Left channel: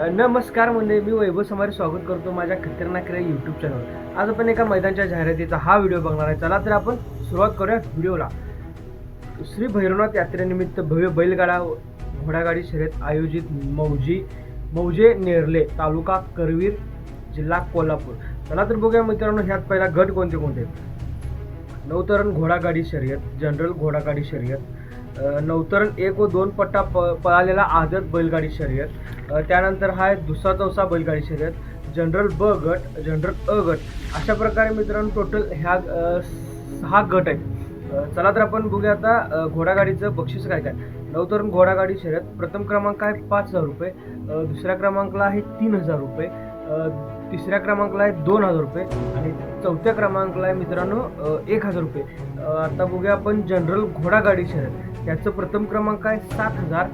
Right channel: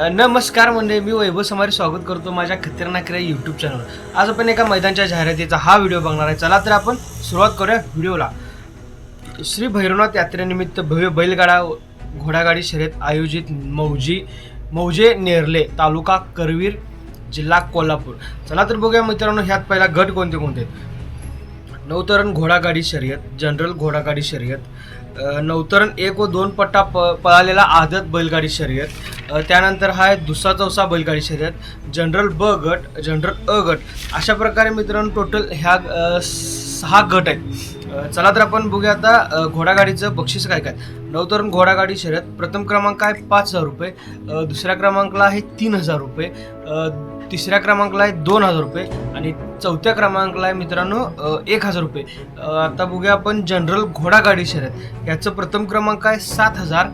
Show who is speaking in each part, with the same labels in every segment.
Speaker 1: नमस्कार म्हणजे मी वैभव समारी स्वागत करतो माझ्या खतरनाक क्रिया यूट्यूब चॅनल आज आपण एका मैदानच्या जाहिरातीचा हा व्हिडिओ बघणार आहे. चला तर आपण सुरुवात करूया व्हिडिओला श्री भैरवनाथ यात्रेनिमित्त भव्य बैलगाडा घोडागाडी शर्यत आयोजित मौजी मौजे नेरले तालुका करवीर जिल्हा कोल्हापूर. चला तर बघूया मित्रांनो ह्यात पहिला गट कोणते कोणते? आहेत? नवतरण घोडागाडी शर्यत जनरल घोडागाडी शर्यत. अ, नवतरण एक व दोन पट्टा प पळालेला आदत बैलगाडी शर्यत. त्यानंतर हा आहे दुसरा चौसा बैलगाडी शर्यत जनरल ब गट जनरल अ गट. अशा प्रकारे मित्रांनो टोटल ह्या सहा गट आहेत. चला तर आपण बघूया आता घोडागाडीचं बक्षीस काय काय. नवतरुण घोडागाडी शर्यत. प्रथम क्रमांक आहे पाच हजार रुपये. दुसऱ्या क्रमांकाला आहे तीन हजार रुपये. तिसऱ्या क्रमांकाला आहे दोन हजार रुपये. आणि चौथ्या क्रमांकाला आहे मित्रांनो एक हजार रुपये. आता बघूया आपण जनरल घोडागाडी शर्यत. याचं प्रथम क्रमांक आहे सात हजार.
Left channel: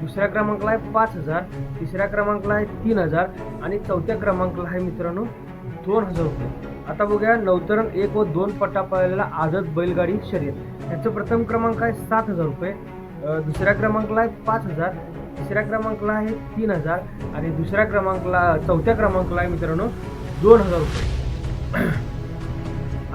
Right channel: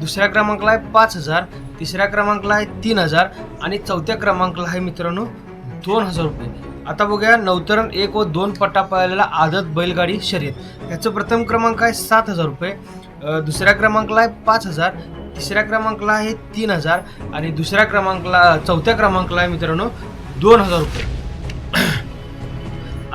Speaker 1: दुसऱ्या क्रमांकाला आहे पाच हजार तिसऱ्या क्रमांकाला आहे तीन हजार आणि चौथ्या क्रमांकाला आहे मित्रांनो दोन हजार रुपये. आता बघूया नवतरण एक व दोन पट्टा पळालेला आदत बैलगाडी शर्यत. याचं प्रथम क्रमांक आहे सात हजार रुपये. दुसऱ्या क्रमांकाला आहे पाच हजार तिसऱ्या क्रमांकाला आहे तीन हजार आणि दुसऱ्या क्रमांकाला चौथ्या क्रमांकाला आहे मित्रांनो दोन हजार रुपये.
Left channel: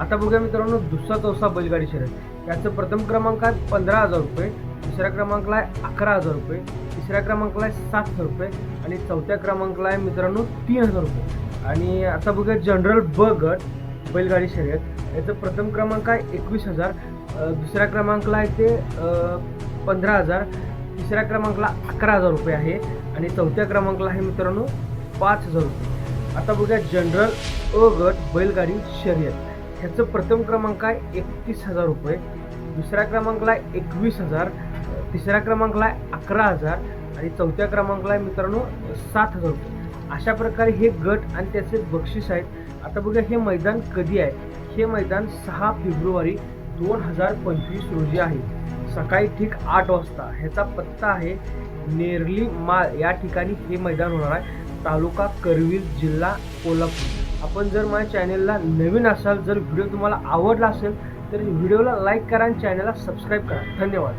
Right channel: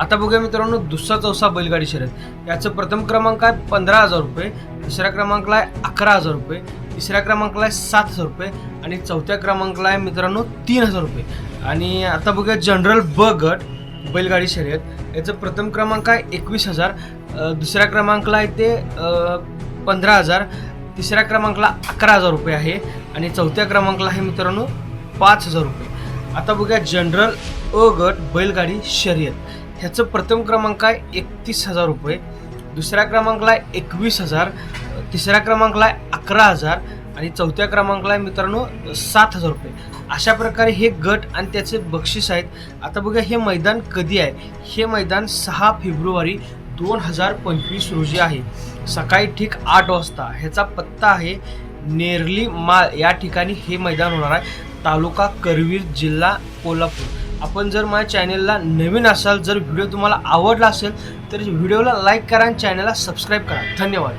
Speaker 1: आता बघूया मित्रांनो दुसरा चौसा बैलगाडी शर्यत. याचं प्रथम क्रमांक आहे पंधरा हजार रुपये दुसऱ्या क्रमांकला आहे अकरा हजार रुपये तिसऱ्या क्रमांकला आहे सात हजार रुपये आणि चौथ्या क्रमांकाला आहे मित्रांनो तीन हजार रुपये. आणि आता बघूया जनरल ब गट बैलगाडी शर्यत. याचं प्रथम क्रमांक आहे एकवीस हजार दुसऱ्या क्रमांकला आहे ते पंधरा हजार तिसऱ्या क्रमांकाला अकरा हजार रुपये आहे आणि चौथ्या क्रमांकाला आहे मित्रांनो पाच हजार रुपये. आता बघूया जनरल अ गट बैलगाडी शर्यत. ह्याचं प्रथम क्रमांक आहे एकतीस हजार रुपये. दुसऱ्या क्रमांकला आहे एकवीस हजार. तिसऱ्या क्रमांकला आहे अकरा हजार. आणि चौथ्या क्रमांकला आहे मित्रांनो सात हजार रुपये. अशा प्रकारे हे गट आणि त्याचे बक्षीस आहेत. आता बघा हे मैदान कधी आहे? हे मैदान सहा फेब्रुवारी दोन हजार पंचवीस रोजी आहे. सकाळी ठीक आठ वाजता ह्याचा पत्ता आहे नेरली माळ. या ठिकाणी हे मैदान होणार आहे. तालुका करवीर जिल्हा कोल्हापूर. आपण जर माझ्या चॅनेलला नवीन असाल जर व्हिडिओ तुम्हाला आवडला असेल तर व्हिडिओला लाईक करा आणि चॅनलला सबस्क्राईब करा. धन्यवाद.